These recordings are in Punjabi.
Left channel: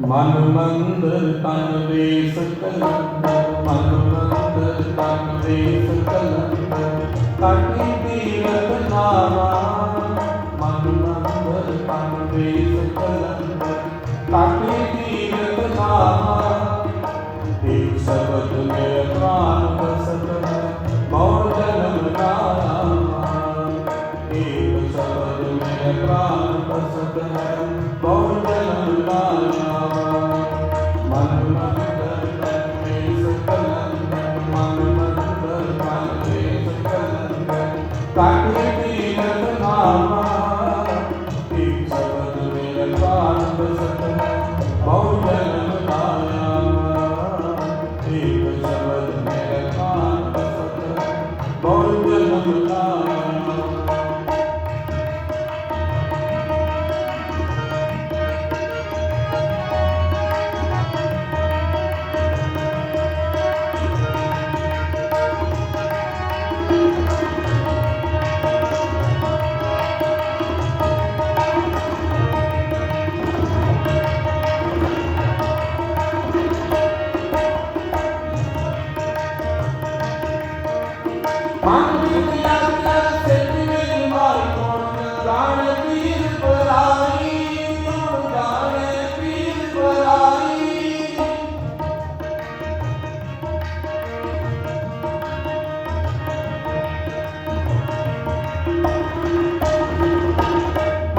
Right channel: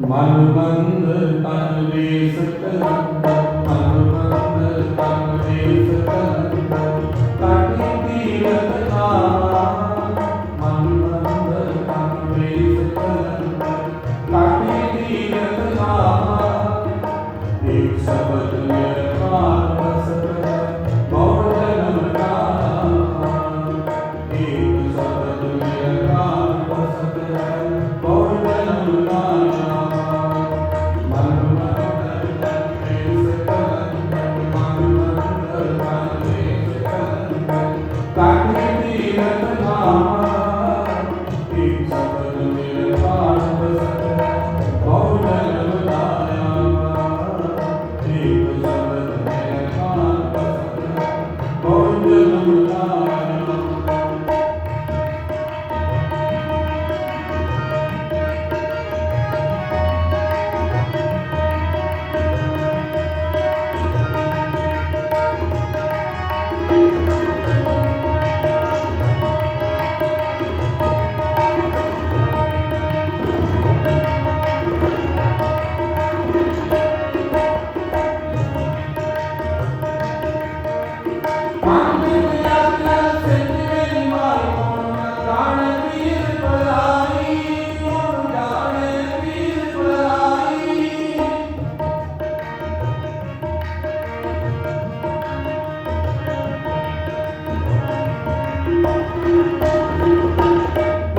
ਮਨ ਮੰਦ ਤਨ ਵੇਸਤ ਮਨ ਮੰਦ ਤਨ ਵੇਸਤ ਤਨ ਤੀਰਤ ਨਾਮਾ ਮਨ ਮੰਦ ਤਨ ਵੇਸਤ ਤਨ ਤੀਰਤ ਨਾਮਾ ਇੱਕ ਸਬਦ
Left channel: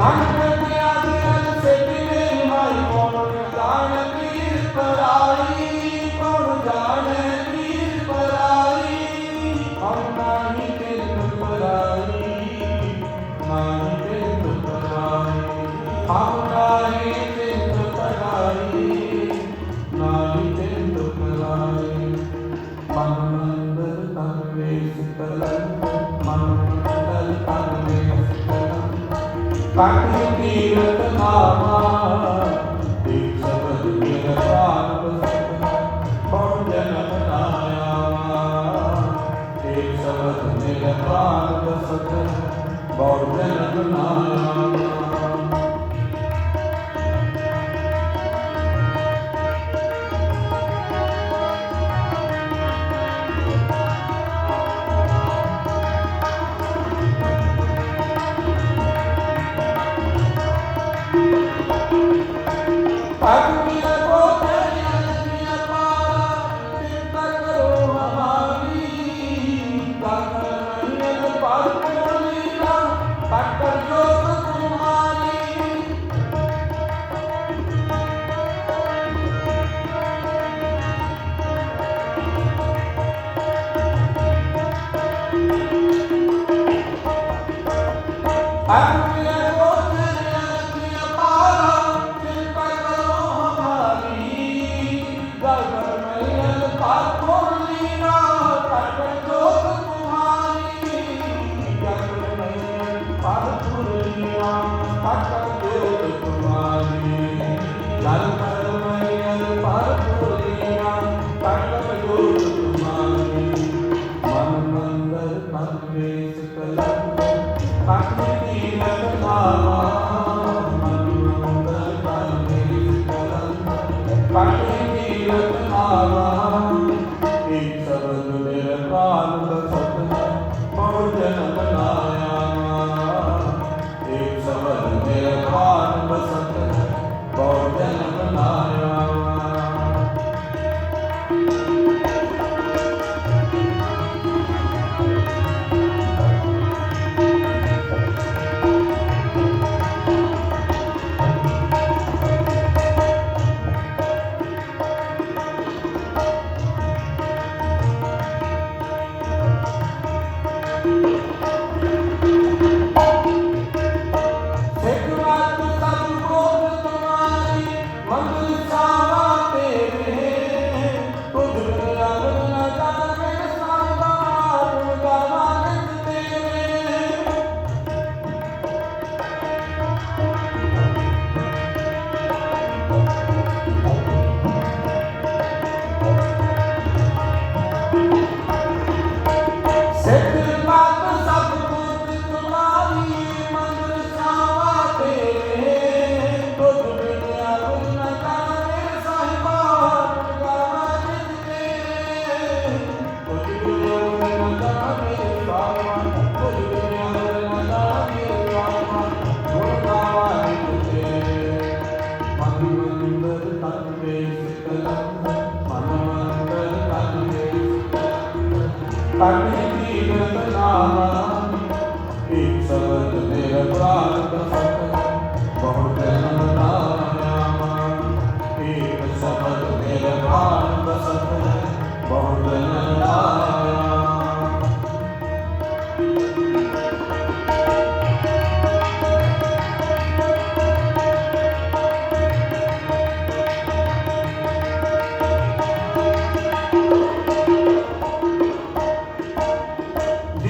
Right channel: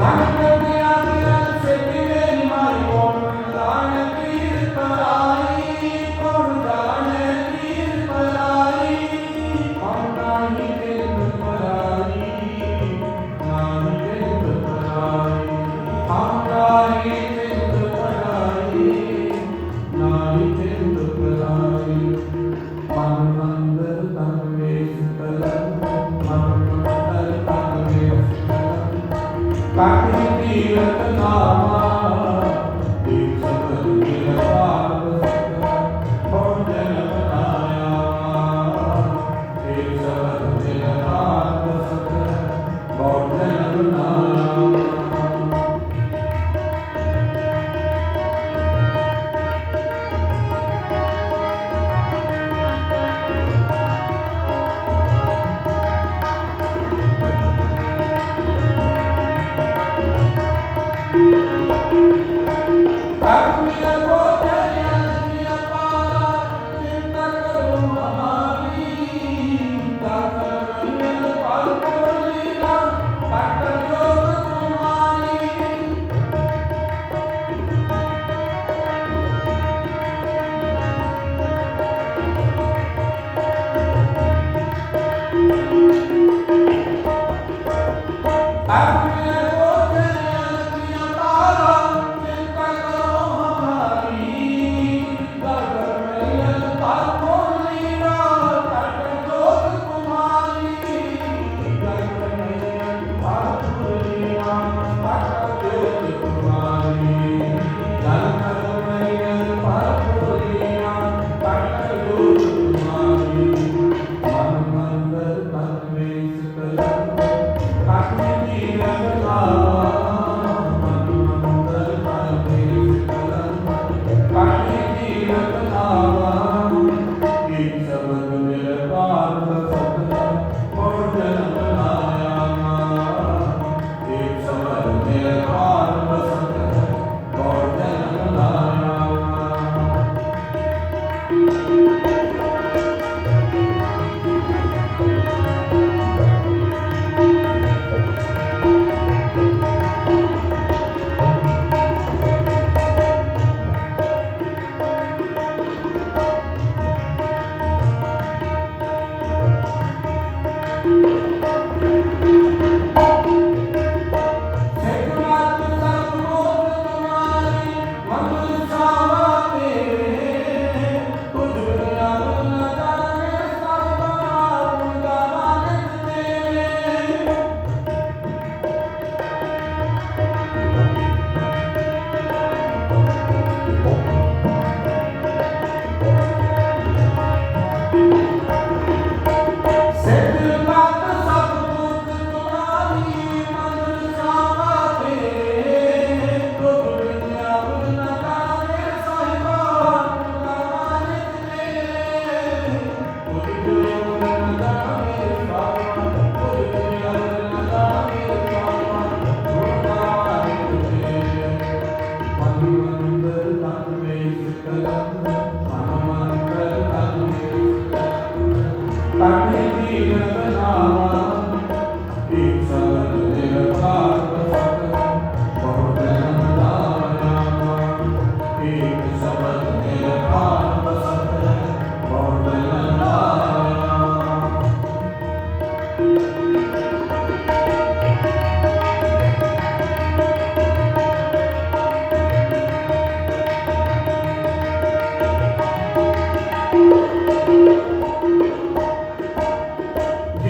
Wow.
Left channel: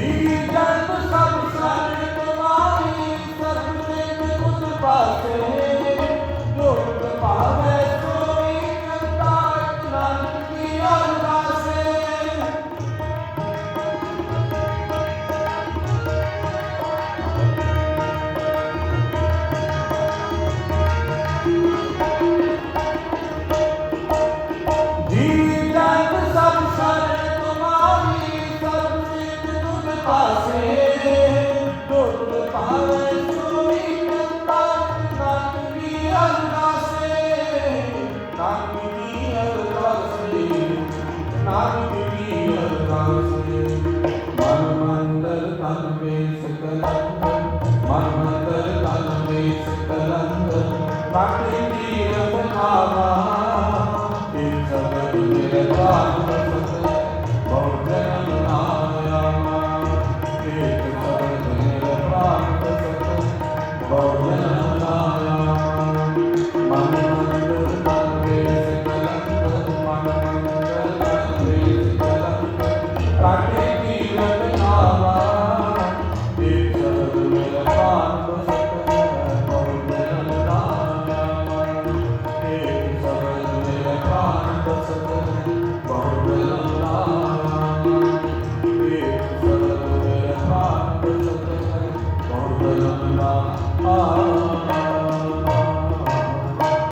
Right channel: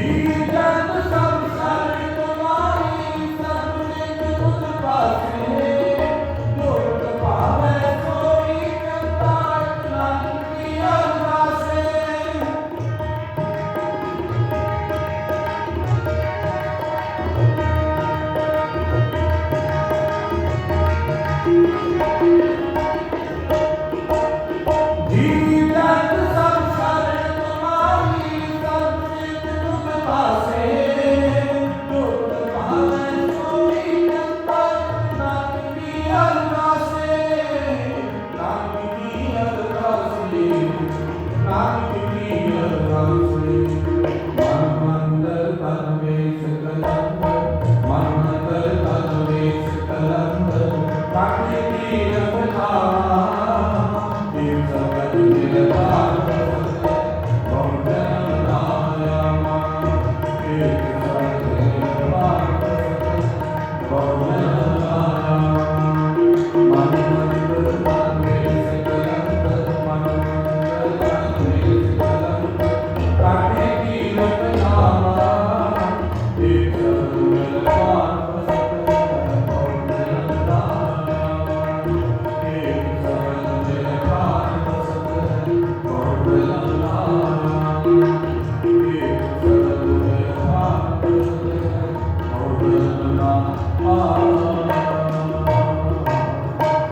Amen. Bye.